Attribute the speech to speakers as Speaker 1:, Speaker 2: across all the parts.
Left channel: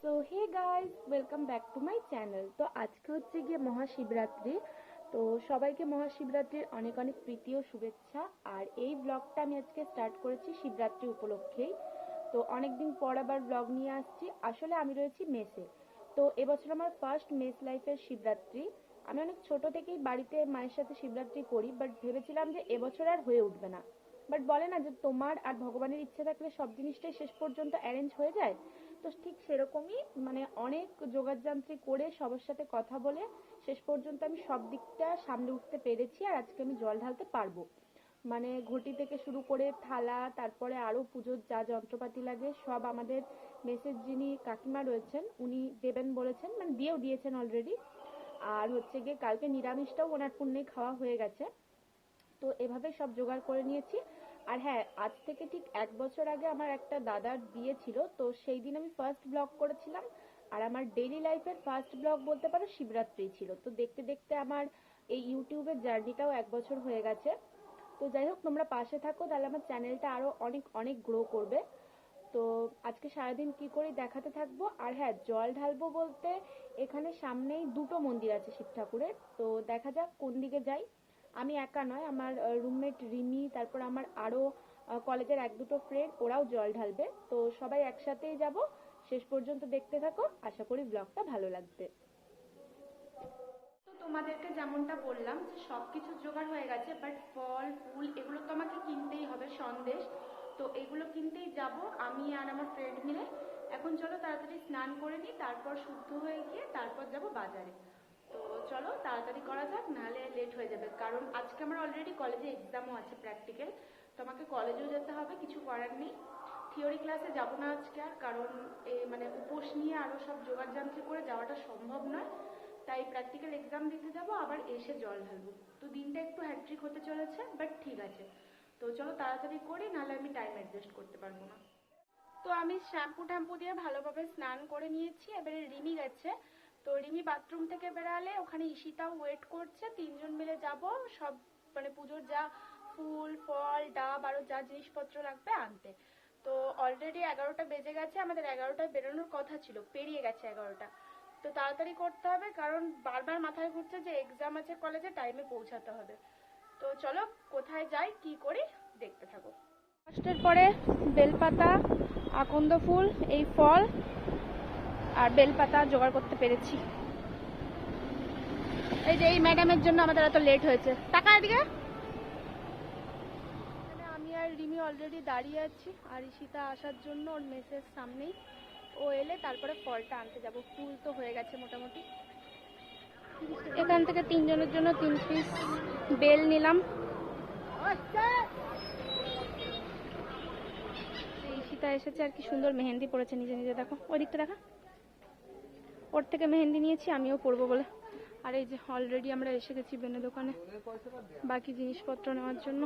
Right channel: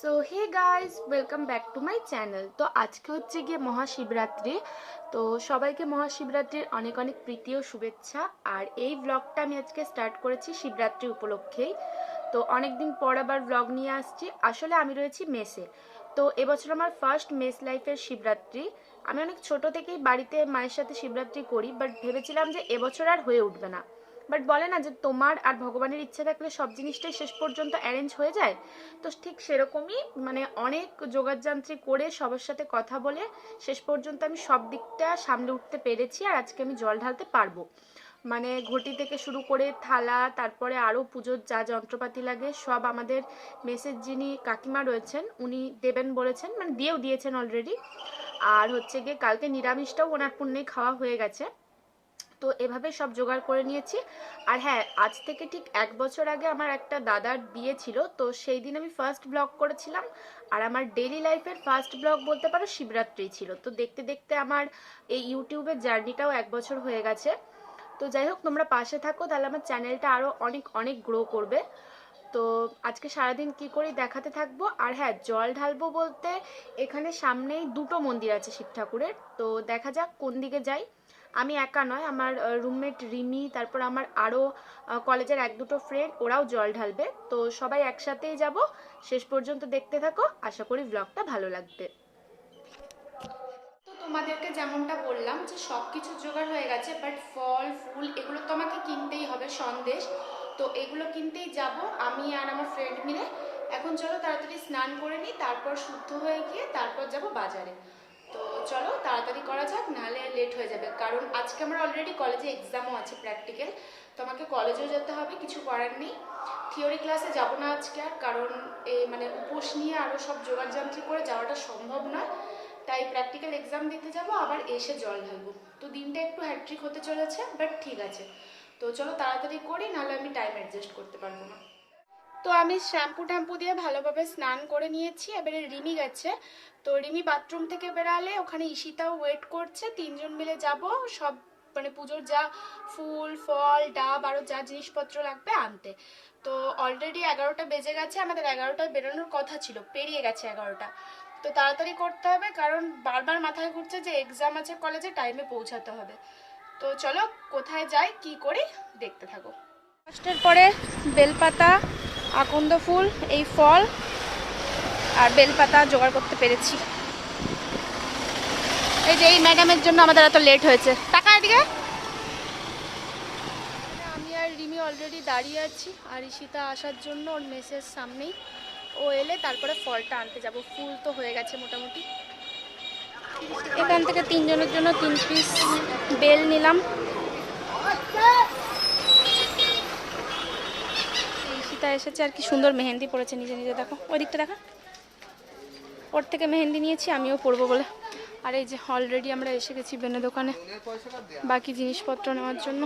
Speaker 1: So hey guys welcome back to my channel তো আজকে হচ্ছে গিয়ে মহাশিবরাত্রি। তো সবাইকে মহাশিবরাত্রির অনেক অনেক প্রীতি ও শুভেচ্ছা। আর এই ব্লগটা আমি আজকে স্টার্ট করেছি শিবরাত্রি উপলক্ষেই। তো অনেক দিন পর আবার ব্লগ নিয়ে আসছি। আসলে আমি রয়েছি মেসে। তো এবছর আমার ফার্স্ট মেস লাইফের শিবরাত্রি। আমি অনেক ছোট থেকেই বাড়িতে মায়ের সাথে শিবরাত্রি করি বাট ভেবেছিলাম যে এবছর আর হয়ে উঠবে না। বাট বলে না যে তোমার আর ভগবানের ইচ্ছে থাকলে সব জিনিসটাই শেষ পর্যন্ত অ্যারেঞ্জ হয়ে যায়? তো ঠিক সেরকমই মানে অনেক যোগাযান্ত্রী করে সবার সাথে কথা বলে শেষ পর্যন্ত আমি সব দিকটা সামলে উঠতে পেরেছি আর আজকে আমি জল ঢালতে পারব। মানে ঘটি থেকে শুরু করে থালা, তারপরে আরও পুজোর যা যন্ত্রপাতি লাগে, সব আমাদের মেসের যিনি কাকিমা রয়েছেন, উনি দেবেন বলেছেন মানে দিয়েও দিয়েছেন অলরেডি আর হচ্ছে গিয়ে কালকে নিরামিষটাও ওনার পুণ্যেই খাওয়া হয়ে গেছে। তো এভাবে সব জোগাড় করে নিয়েছি। আর হ্যাঁ আজ থেকে ঠিক এক বছর আগে আমার একটা দাদার বিয়ে ছিল, তো সেই দিন আমি ফার্স্ট ব্লগ করেছিলাম। আর আমার ডেলি লাইফের ফার্স্ট ব্লগ বলতে পারো শিবরাত্রি ছিল। তো দেখতে দেখতে আমার এই ইউটিউবের জার্নিটাও এক বছর হয়ে গেছে। তো যাই হোক, তোমরা পাশে থাকো, তাহলে আমার চ্যানেলটা আরও অনেক অনেক গ্রো করবে। তো আজকে সারাদিন কি করি দেখাতে থাকব। আর হ্যাঁ জল ঢালবো বলতে এখানে সামনেই দুটো মন্দির আছে শিব ঠাকুরের। তো দেখা যাক কোন দিকে যাই। আমি একা নয়, আমার রুমমেট রিমি, তারপর আমার আরও কলেজের এক দুটো ফ্রেন্ড ওরাও জল ঢালবে। তো সবাই একসাথেই যাব। শেষ পর্যন্ত দেখতে থাকো। আশা করি ব্লগটা ভালো লাগবে। তো তোমাদেরকে যেমনটা বললাম যে সব কিছু জোগাড় হয়ে গেছে বাট ফল, ফুল, এগুলো তো আমাকে কিনতেই হবে সন্দেশ। তো এগুলো কিনতেই যাব, আমি আর আমার ফ্রেন্ড মিলে। এখন চলো তাড়াতাড়ি স্নান করে নিই, তারপর শুদ্ধ হয়ে গিয়ে তারপর যাব বাজারে। তাড়াতাড়ি করা যাক, নাহলে লেট হয়ে যাবে। কারণ আজকে আমার অলরেডি কলেজে এক্সামও আছে প্র্যাকটিক্যাল তো আমাকে কলেজেও যেতে হবে, কিছু করার নেই। থিওরি ক্লাসে যাব না আজকে আর, কারণ এই মানে উপোস নিয়ে আরও সব যোগাযান্ত্রিক করে যাওয়াটা সম্ভব নয়। তাই প্র্যাকটিক্যাল এক্সাম দিতে যাব, আবার এসে জল ঢালবো। তো দিনটা একটু হ্যাট্রিক হতে চলেছে বাট ঠিক আছে। তো চলো তাড়াতাড়ি করি, নাহলে আমি টাইম অ্যাডজাস্ট করতে পারব না। তো আমি শ্যাম্পু ট্যাম্পু দিয়ে ভালোভাবে স্নান করে নিয়েছি। এবারে রিমি গেছে। তো রিমি বাথরুম থেকে বেরালে ওখানে ঈশিতাও ওয়েট করছে। তিনজন মিলে যাব। সব মানে পুজোর যা ফুল, ফল, ডাব, আরও যা জিনিসপত্র লাগবে আনতে। তো অলরেডি এগারোটা বেজে গেছে। আমাদের এগারোটায় বেরোনোর কথা ছিল। পেরিয়ে গেছে এগারোটা। তো তাড়াতাড়ি করতে হবে কারণ বারবার মাথায় ঘুরছে যে এক্সাম আছে কলেজে টাইমে পৌঁছাতে হবে। তো চলো কোথায় যাই, কি করি, দেখতে থাকো। ফার্স্টের পরে বেলপাতা আকন্দ ফুল, এই ফল আর বেলপাতা জোগাড় করতে পেরেছি। এই যে এই ম্যাডামের জন্য আমাদের এত লেট হয়েছে। টাকা এদিকে। আমি আর রিমি অলরেডি দাঁড়িয়ে আছি আর ঈশিতা আসার জন্য ওর মেসের সামনেই। ও এলে তারপরে ফলটা আনতে যাব। ফুল তো হয়ে গেছে মোটামুটি। এখান থেকে তিনজনের জন্য তিন পিস বেল নিলাম। ঈশিতা এসেছে আর কি সুন্দর মেহেন্দি পড়েছে নিজে নিজে, দেখো। ওই দিকটা দেখা। ওর থেকে মেহেন্দি নিয়েছি, আমিও পরবো বলে। আর এই যে অলরেডি আমরা এসে গেছি বেনে দোকানে বাকি জিনিসপত্র নেওয়ার জন্য।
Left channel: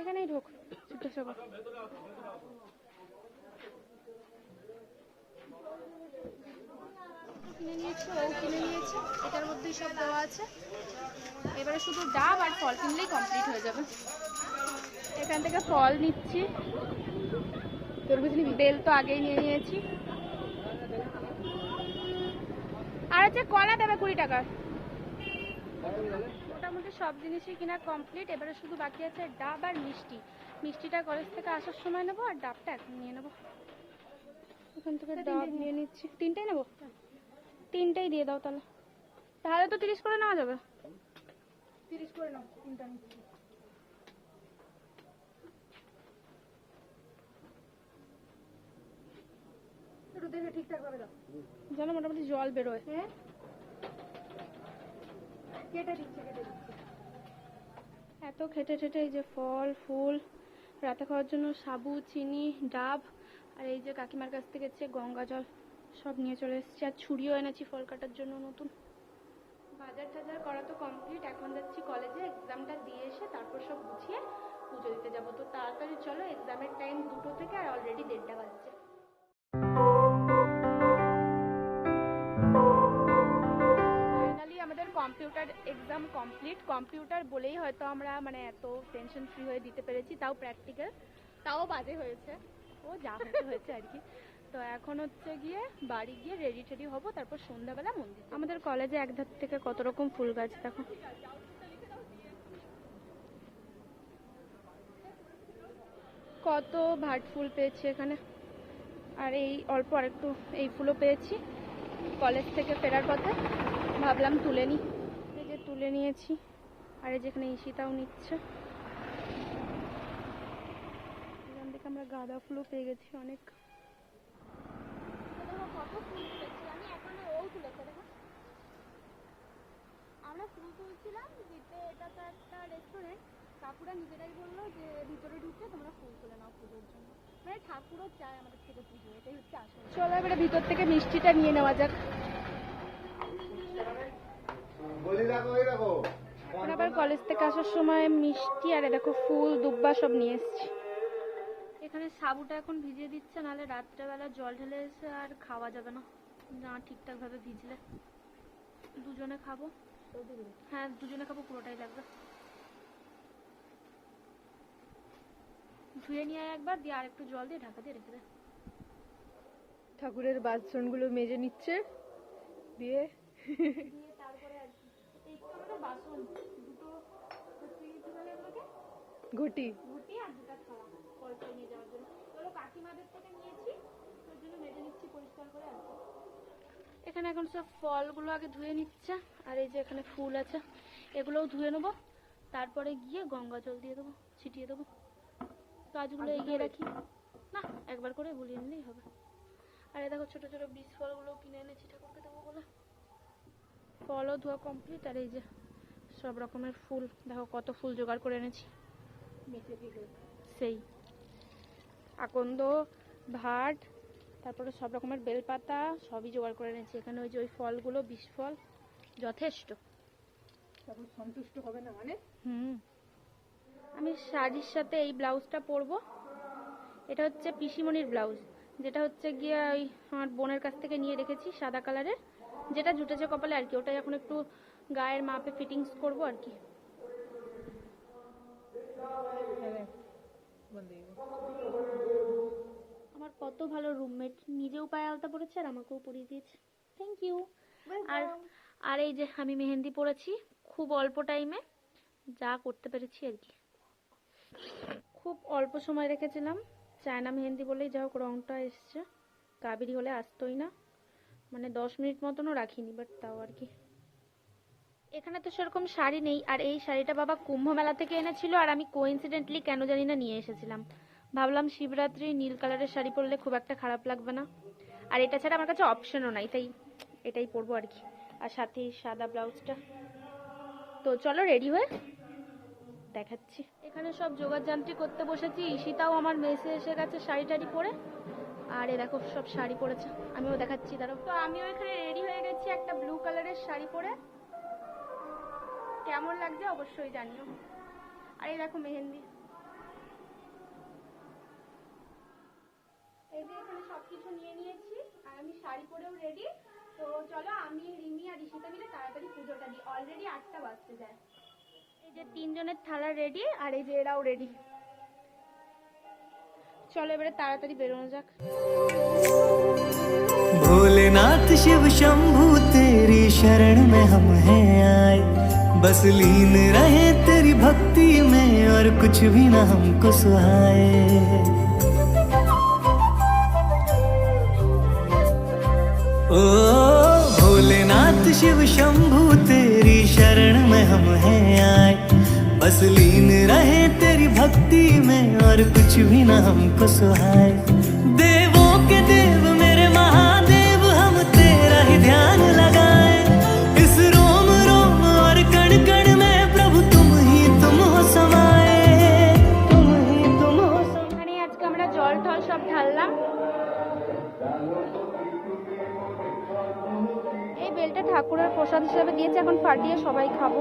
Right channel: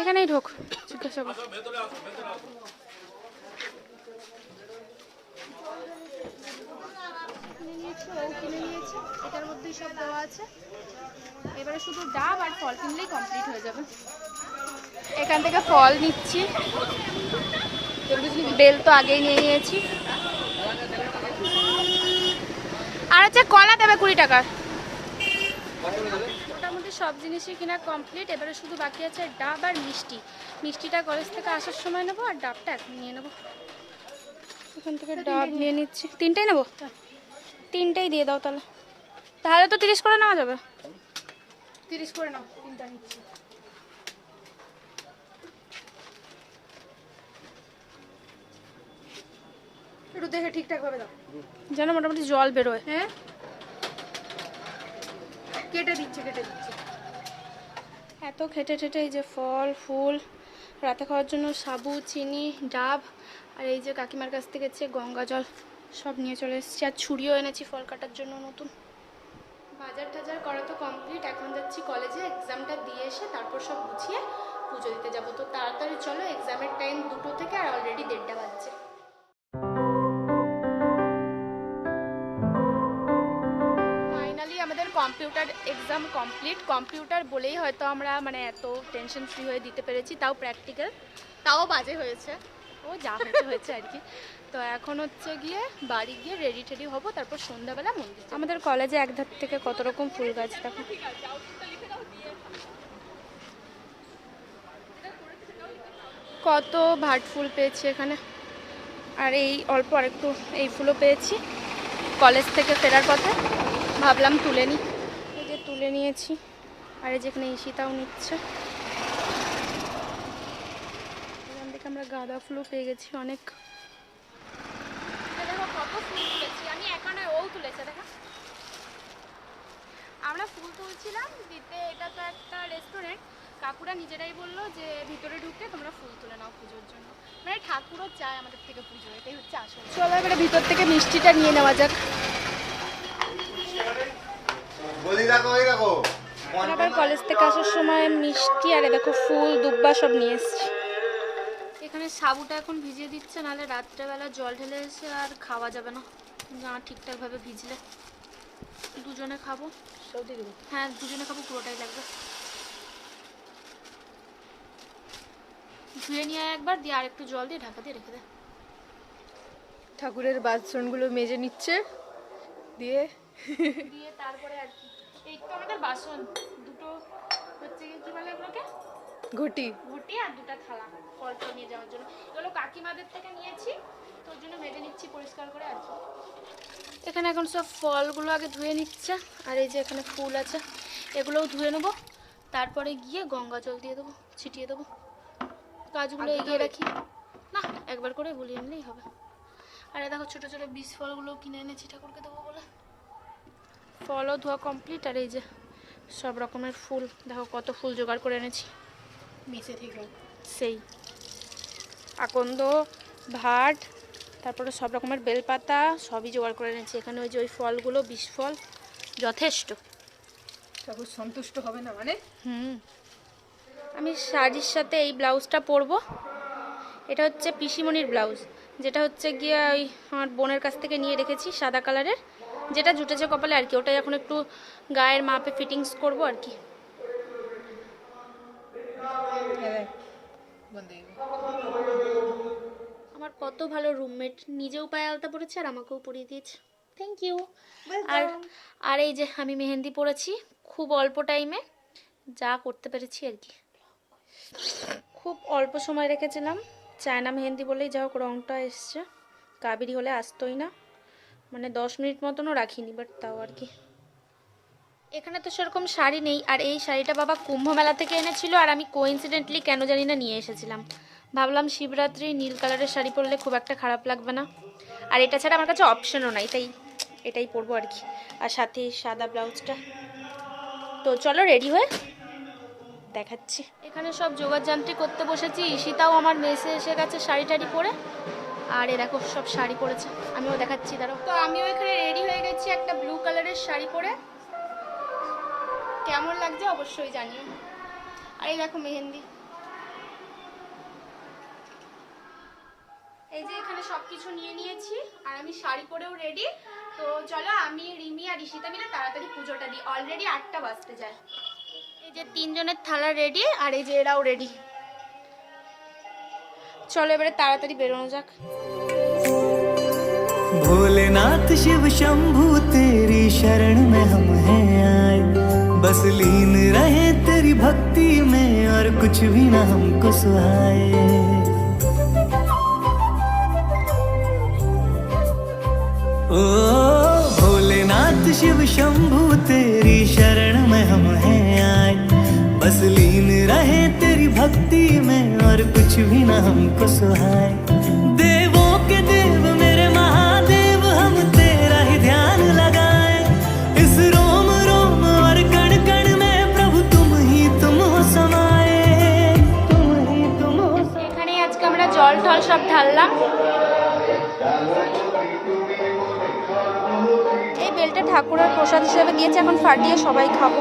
Speaker 1: এখানেই ঢোক, জিজ্ঞাসা কর। কিনে নিয়েছি, ও কিনে নিয়েছে, এটার মধ্যেই সব দেওয়া আছে। শুধু ডাব আর ফল কিনলেই কমপ্লিট হয়ে যাবে। এখান থেকে ফল নিচ্ছি। বেল তো আগেই নিয়ে নিয়েছি। আর হচ্ছে কলা দেবে কুড়ি টাকা। মোটামুটি সব জিনিসই কিনা কমপ্লিট এবারে শুধু বাকি আছে ডাব আর মিষ্টি। মিষ্টিটা কলেজ থেকে আসার সময় নেব আর ডাবটা এখন নিয়ে নেব। এখান থেকে ডাব নিয়ে নিচ্ছি। তিনটেই নেব? তিনটেই দিয়ে দাও তাহলে। তাহলে তো তিরিশ করে নেওয়া যাবে।
Speaker 2: তিরিশ করে নাও তিনটা নিচ্ছি। একটু দেখে ঠিকঠাক ভাবে দাও।
Speaker 1: যেন মোটামুটি জল বেরোয়।
Speaker 2: হ্যাঁ? কেটে দিচ্ছি কেটে দিচ্ছি।
Speaker 1: এত খেটে ঠেটে এই যে ফল ফুল রাতে খাওয়ার জন্য সাবু চিনি ডাব আর এই যে কাকিমার কাছ থেকে গঙ্গা জল সব নিয়ে চলে এসেছি। আর ছুরিও এনেছি ফল কাটার জন্য নতুন। বাজার টাজার করা তো কমপ্লিট এখন যাচ্ছি কলেজে এক্সামটা দিয়ে এসে তারপর সব গুছিয়ে পুজো দিতে যাব। তো তাড়াতাড়ি চলো এক্সামের টাইম দুটো থেকে আর অলরেডি দেড়টা বাজছে। আমাদের কম্পিউটার এক্সাম কমপ্লিট কম্পিউটার বলেই হয়তো আমরা মানে এত টেনশন ফ্রি হয়ে দিতে পেরেছি, তাও প্র্যাকটিক্যাল
Speaker 2: তাও বাজে হয়েছে।
Speaker 1: ও যা হয়েছে হয়েছে আর কি। তো এখন হচ্ছে গিয়ে বাড়ি গিয়ে রেডি টেডি হব, তারপর সন্ধ্যাবেলা মন্দির আমাদের কলেজে এক ধার থেকে কত রকম ফুল গাছ দেখো। কত ভাট ফুল পেয়েছি এখানে। আর এই অল্প আরেকটু এই ফুলও পেয়েছি। কলেজ থেকে ফেরার পথে ভাবলাম তুলে নিই এই যে তুলে নিয়েছি। আর এই যেখানে ঈশিতাও নিচ্ছে এখান থেকে আমরা গাঁদা ফুলও পেয়ে গেছি অনেক। কত ফুল তুলেছি আমি একা নয় ও তুলেছে দেখো। আমরা ফুল তুলছিলাম দিতে এটা তো একটা রেস্টুরেন্ট কাকুরা নিজেরাই বলল যে ভিতরে ঢুকে তোমরা ফুল তুলে নাও পুজোর জন্য। মানে ঠাকুরও চায় আমাদের থেকে পুজো এটাই হচ্ছে আসল। চলো এবারে ভিতর থেকে মিষ্টিটা নিয়ে নেওয়া যাক। আবার কলেজ থেকে আসার সময় মিষ্টি আর দেখো ফুল দুব্বা সব নিয়ে এসছি। এখানে সাবুটা এখন ভিজিয়ে দিচ্ছে নাহলে রাত্রেবেলা জল ঢেলে এসে আর খাওয়া যাবে না। না ঠিকঠাকভাবে ভিজলে। দুজনে খাব। হ্যাঁ দুজনে খাব পুরোটাই লাগবে। ধুয়ে নিয়ে একবার দিয়ে আর একটু জল দিয়ে ঢাকা দিয়ে রেখে দে।
Speaker 2: ঠাকুরের বাসনগুলো মেজে নিচ্ছে দিয়ে
Speaker 1: দিয়ে তারপরে আর কি। এই তো আমাদের বাসন দুটো হচ্ছে কি বলে এগুলোকে
Speaker 2: ঘটি।
Speaker 1: ফলটা নিয়ে যাওয়ার জন্য। এগুলো কাকিমাদের থেকে নিয়েছি। তোর জন্য মেজে নিচ্ছি পরিষ্কার করে আর কি। এখানে এখন সব ফলগুলো আগে ধুয়ে নিচ্ছে আর এই যে এখানে ফুল আছে এগুলোও ধুয়ে নেব। তারপরে গিয়ে গঙ্গা জল দিয়ে দেবো ছিটিয়ে দেবো। গাছগুলো এগিয়ে রাখি। না একবার করে গুলিয়ে নিলেই হবে। আর দেখো ছোটো ছোটো বীজ ফলগুলো কিনে এনেছি ঠাকুরকে দেবো বলে। ফলও ধোয়া কমপ্লিট আর এই যে সব রকমের ফুল। দেখো কত ফুল জোগাড় করে এনেছি।
Speaker 2: মেসে থেকে
Speaker 1: সেই। আকন্দ ভাট তারপরে সব রকমের বেলপাতা সবই জোগাড় করে এনেছি। এখানে ওই যে ওই ফলগুলো বিষ ফল যথেষ্ট।
Speaker 2: ঠাকুর সন্তুষ্ট হবে না মানে?
Speaker 1: হুম। আমি শাড়ির সাথে এই ব্লাউজটা পরবো। এটা হচ্ছে পিসিমণির ব্লাউজ। যেটা হচ্ছে গিয়ে ওই আমার বোনের কাছ থেকে নিয়ে রেখেছি সাদা কালারের। যেটা জুটেছে কপালে আর কি ওটাই এখন একটু গায়ের মাপে ফিটিংস করব আর কি। আমার কত ভালো রুমমেট নিজেও পায়ে আলতা পড়েছে আর আমাকেও পরিয়ে দিয়েছে। থ্যাংক ইউ আর আর এই যে আমি মেহেন্দি পড়েছি খুব অল্প টাইমে যা করতে পেরেছি আর কি। খুব অল্প সময় রেখেছিলাম চায়না মেহেন্দি বলেই যা হোক রঙটা এসছে। কাবেরি হলে আসতোই না মানে দশ মিনিট মতনও রাখিনি বাট তাও আর কি। এখানে তো সেরকম শাড়ি নেই আর এই শাড়িটা বাবা কুম্ভ মেলা থেকে এনেছিল আর আমি কোইন্সিডেন্টলি কেন জানি না নিয়ে এসেছিলাম। ভাবলাম শিবরাত্রি নীল কালারের শাড়ি পরলে খুব একটা খারাপ লাগবে না। আর এটা ছাড়া আমার কাছে অপশনও নাই তাই এটাই পরবো আর কি। আর সাথে সাদা ব্লাউজটা। তো চলো রেডি হয়ে দেখাচ্ছি। এখানে সব যোগার যান্ত্রিক করতে বসেছি, ঈশিতাও আমার মেসে এসে গেছে শাড়ি টাড়ি পরে। আর এ দেখো, সব শাড়ি পরেছে, আমিও দেখাচ্ছি, দাঁড়াও। তো আমিও এখানে রেডি হয়ে গেছি একটা ব্লু কালারের শাড়ি পরে। কেমন লাগছে অবশ্যই জানিও। আর এই দেখো মেহেন্দি। এই যে এখানে সবকিছু নিয়ে নিয়েছি আর আমি শাড়ি পরেও রেডি তো চলো আমি রিমি আর ঈশিতা মিলে তাড়াতাড়ি পুজোটা দিই অলরেডি আটটা বাজতে যায় এই যে তিনজনের থালা রেডি আর এই যে এরাও রেডি চলো এবারে তাড়াতাড়ি বেরোনো যাক
Speaker 3: भोलेनाथ शिव शंभु तेरी शरण में हम हैं आए बस लीन रहे तेरी भक्ति में और कुछ भी ना हमको सुहाए ओ, भोलेनाथ शिव शंभु, तेरी शरण में हम हैं आए। बस लीन रहे तेरी भक्ति में, और कुछ भी ना हमको सुहाए।
Speaker 1: ঠাকুরের প্রসাদ হিসেবে দিয়েছে এখন ফাটিয়ে সবাই খাব।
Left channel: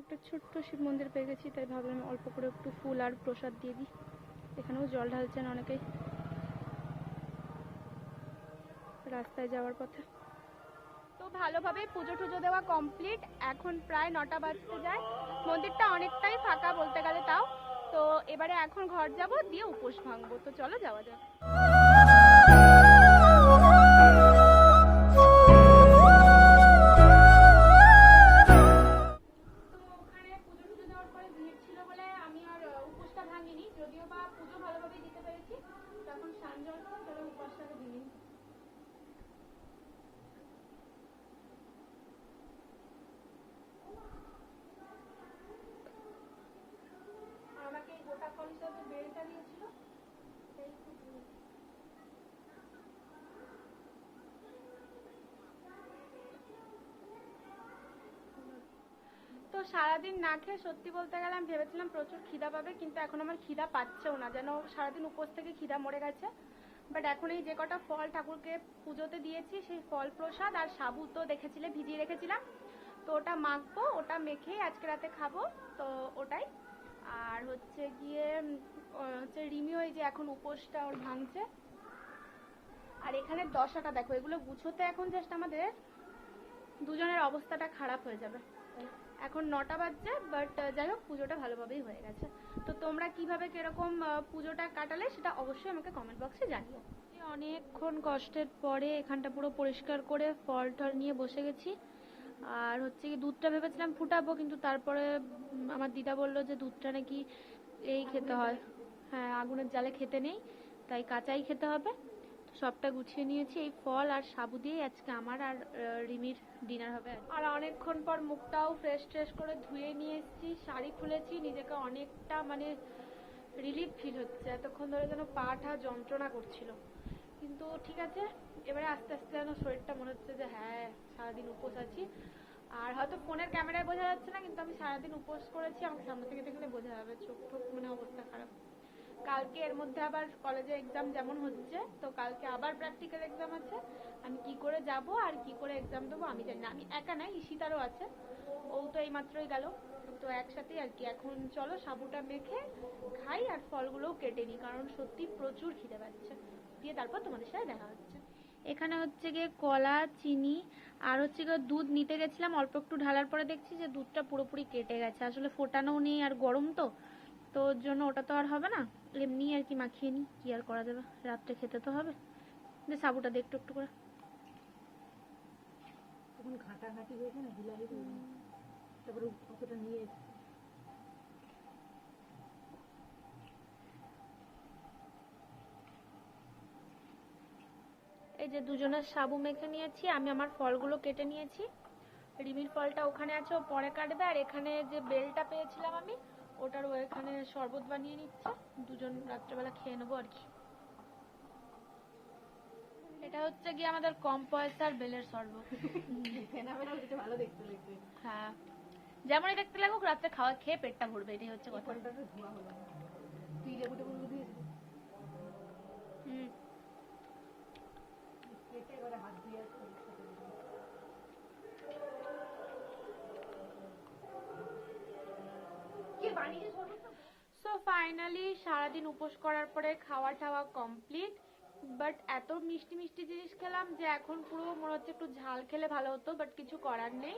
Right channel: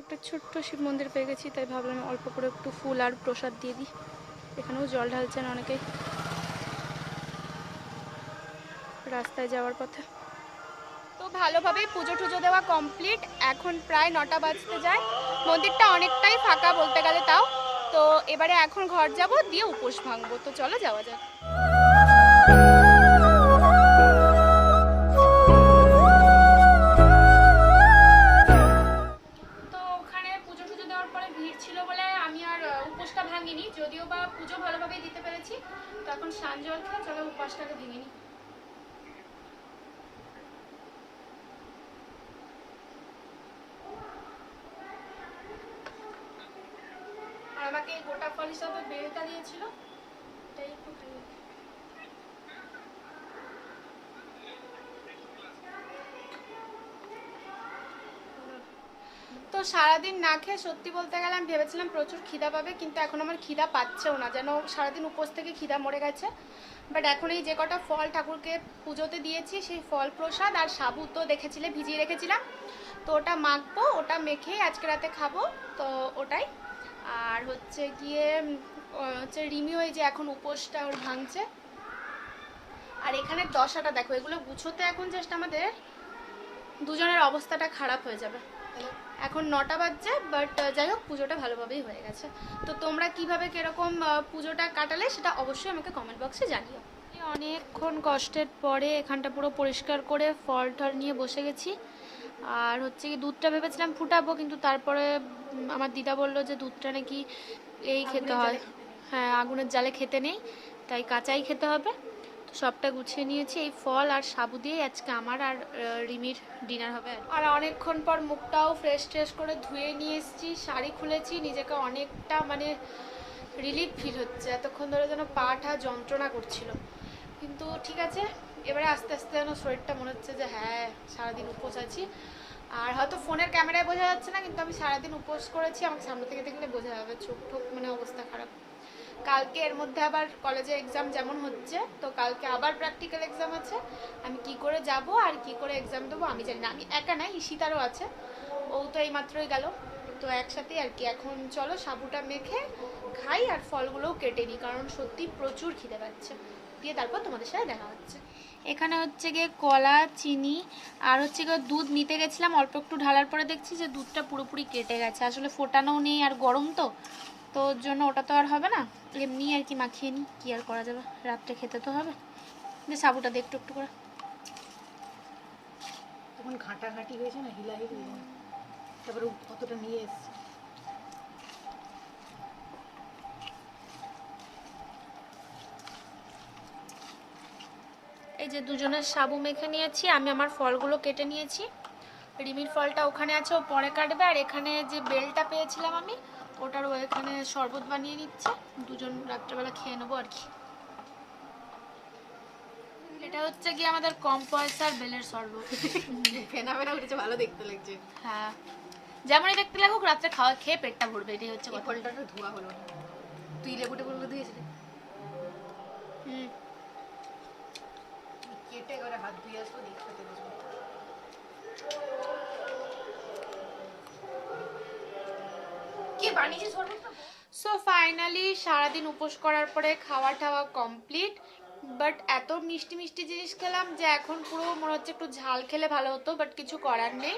Speaker 1: একটা ছোট্ট শিব মন্দির পেয়ে গেছি তাই ভাবলাম অল্প করে একটু ফুল আর প্রসাদ দিয়ে দিই। এখানেও জল ঢালছেন অনেকেই রাস্তায় যাওয়ার পথে। তো ভালোভাবেই পুজো টুজো দেওয়া কমপ্লিট এখন প্রায় নটা বাজতে যায়। মন্দিরটা অনেকটাই ফাঁকা বলতে গেলে তাও। তো এবারে এখন ঘর যাব দিয়ে উপোস ভাঙবো। তো চলো যাওয়া যাক। গোটা ফল হিসাবে বেলটা দিয়েছিল, এটাই। তো সারাদিন না খেয়ে সত্যি বলতে গেলে আমি ভেবেছিলাম প্রচুর খিদা পাবে, কিন্তু এখন আমার খিদা পাচ্ছেও না, যেন সারাদিন উপোস থেকে খিদা মরে গেছে। বাট এখন এই যে কটা ফল ঠাকুরকে পুজোতে দিয়েছি, সেই ফল প্রসাদ আর সাবু তো দেখেছিলে, ভিজিয়ে রেখেছিলাম। তো ওটা মাখবো, ওটা মেখে আজকে রাতে খাব, তো ওটাই। আর হচ্ছে গিয়ে হচ্ছে রিমি ওই যে এখন উপোসটা ওর ভাঙছে। আর এখানে দশাটা দেখো, এগুলো গুছোতে এখন জাস্ট আমাদের দুজনের অবস্থাটা খারাপ হয়ে যাবে। এখন নটা বাজছে বাট যাই হোক, পুজোটা ভালোভাবেই হয়ে গেছে। তো তোমরা কীভাবে কীরকম পুজোটা কাটালে সেটা অবশ্যই আমাকে কমেন্ট বক্সে জানিও। অনেকক্ষণ কষ্টের পরে এখানটা পুরো পরিষ্কার করে ফল টল নিয়ে বসে গেছি। আর হচ্ছে কি দুধটা ভেবেছিলাম ফুটাবো কিন্তু তারপরে আমার দিদা বলল যে দুধটা নাকি এই খেতে হয়। হ্যাঁ আগুনের জালে খেতে নেই তাই কাঁচাই খেতে হবে। তো সবটা গুছিয়ে নিয়েছি এই ফল আর সাবু দিয়ে আজকে আমার আর রিমির ডিনার হবে আর আর অনেকক্ষণ পর মুখটাও ফ্রেশ ট্রেশ করে ধুয়ে নিয়ে এসেছি শাড়ি খুলেছি নিজেকে অনেকটা মানে রিলিফ ফিল হচ্ছে এতক্ষণ ধরে যেন পাটা যন্ত্রণা করছিল। কিন্তু ঠিক আছে এবারে আস্তে আস্তে যেন শরীরটা মনে হচ্ছে যে হ্যাঁ সারাদিন উপোস আছি। আর হয়তো ফোনের ক্যামেরায় বোঝা যাচ্ছে না, কিন্তু আমি সারাদিন উপোস করেছি, আমাকে সামনে থেকে দেখলে বোঝা যাবে চোখ ঠোক মানে অবস্থা খারাপ। কালকে এর মধ্যে আবার কলেজে এক্সাম যেমন হচ্ছে, তো কালকে আবার প্র্যাকটিক্যাল এক্সাম আছে। আমি কি করে যাব আর কি করে এক্সাম দেবো আমি জানি না। আমি একা নাই, ঈশিতারও আছে। ও তো এই মাত্রই গেল। তো একসাথেই আর কি। এখন চলো সাবুটা মেখে খাই আর ফলগুলোও কেটে নিই, কারণ সত্যি প্রচুর খিদে পাচ্ছে। দিয়ে তারপর তোমাদের সাথে দেখা হচ্ছে। এখানে হচ্ছে গিয়ে কলা চিনি আর হচ্ছে গিয়ে দুধ নিতে গেছিলাম অল্প একটু ঢালার পরে দেখছি যে দুধটা পুরোপুরি কেটে গেছে। আসলে ফোটানোও নেই আর গরম তো তো ওর জন্য ওটা তো আর হবে না। এমনি আর কি মাখিয়ে নিই কী আর করা যাবে? রাত্রে খেতে তো হবে। যে সাবুটা দিয়ে একটু একটু করে।
Speaker 2: তখন ঘাঁটাঘাঁটি হয়েছে না হিলাহিল? তারপরে কতটা নিয়ে এসছে।
Speaker 1: এই যে দুজনের সাবু মেখে নিয়েছি আমি আমার ফলগুলো কেটে নিয়েছি। রিমির ফলটা ওখানে আছে ও পরে কাটবে। আর এখানে যে বেলটা পেয়েছিলাম আমি ওটার ও এখানে শরবত বানিয়ে নিচ্ছে। দুজন রাত্রেবেলা খেয়ে নেব আর কি। এটা হচ্ছে কি আমাদের কম পয়সার বেলের শরবত।
Speaker 2: ফেনা ফেনা উঠেছে ভালো দেখতে লাগছে।
Speaker 1: হ্যাঁ। যেমনই দেখতে লাগুক রাত্রে খাওয়া খেয়ে পেটটা ভরবে এটাই হচ্ছে কথা।
Speaker 2: ধোয়া হলো। তুই লেবু টেবুগুলো দিয়েছিলি
Speaker 1: হুম
Speaker 2: হাত ধুয়ে আসব দেখতে শরবতটা
Speaker 1: সো ফাইনালি সারাদিন উপোস করার পরে খাওয়া টাওয়া কমপ্লিট বাট এত মিষ্টি মিষ্টি জিনিস খেলাম যে এখন পুরো মনে হচ্ছে একটু ঝাল খেলে ভালো হতো বাট কিছু করার নেই।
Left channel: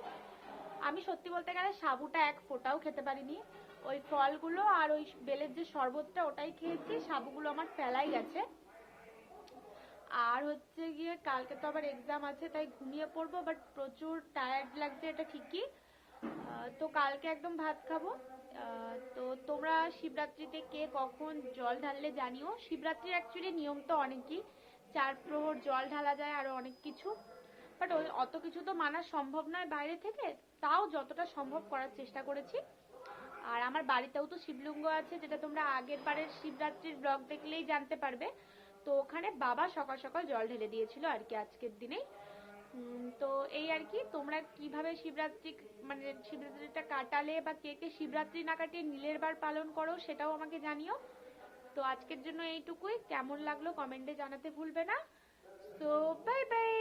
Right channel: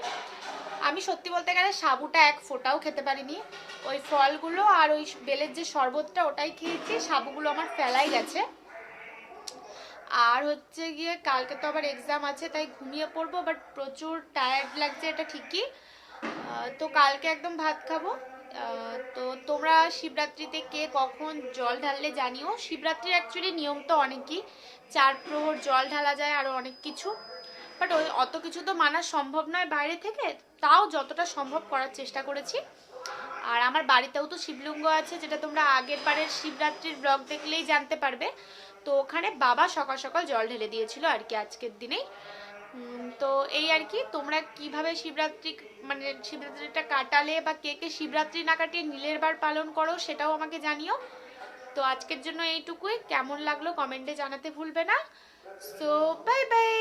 Speaker 1: আমি সত্যি বলতে গেলে সাবুটা এক ফোঁটাও খেতে পারিনি। ওই ফলগুলো আর ওই বেলের যে শরবতটা ওটাই খেয়েছি, সাবুগুলো আমার ফেলাই গেছে। আর হচ্ছে গিয়ে কালকে তো আবার এক্সাম আছে, তাই ঘুমিয়ে পড়ব বাট প্রচুর টায়ার্ড লাগছে এটা ঠিকই। তো কালকে একদম ভাত খাব। তো তোমরা শিবরাত্রিতে কে কখন জল ঢাললে জানিও। শিবরাত্রির অ্যাকচুয়ালি নিয়ম তো অনেকই, চার প্রহর জল ঢালা যায় আরও অনেক কিছু। বাট ওই অত কিছু তো মানা সম্ভব নয় বাইরে থেকে, তাও যতটা সম্ভব করার চেষ্টা করেছি। আর আমার বাড়িতেও তো শিবলিঙ্গ আছে, যেটা তোমরা আগের বারের শিবরাত্রির ব্লগ দেখলেই জানতে পারবে। তো ওখানে বাবা সকাল সকাল জল ঢেলে দিয়েছিল আর কি আজকের দিনেই। তো এই আর কি, তোমরা কীভাবে শিবরাত্রি মানে শিবরাত্রিটা কাটালে বা কে কে শিবরাত্রি না কাটিয়ে নীলের বার পালন করো সেটাও আমাকে জানিও। তো আজকের জন্য এইটুকুই, কেমন লাগল কমেন্টে জানাতে ভুলবে না। So bye bye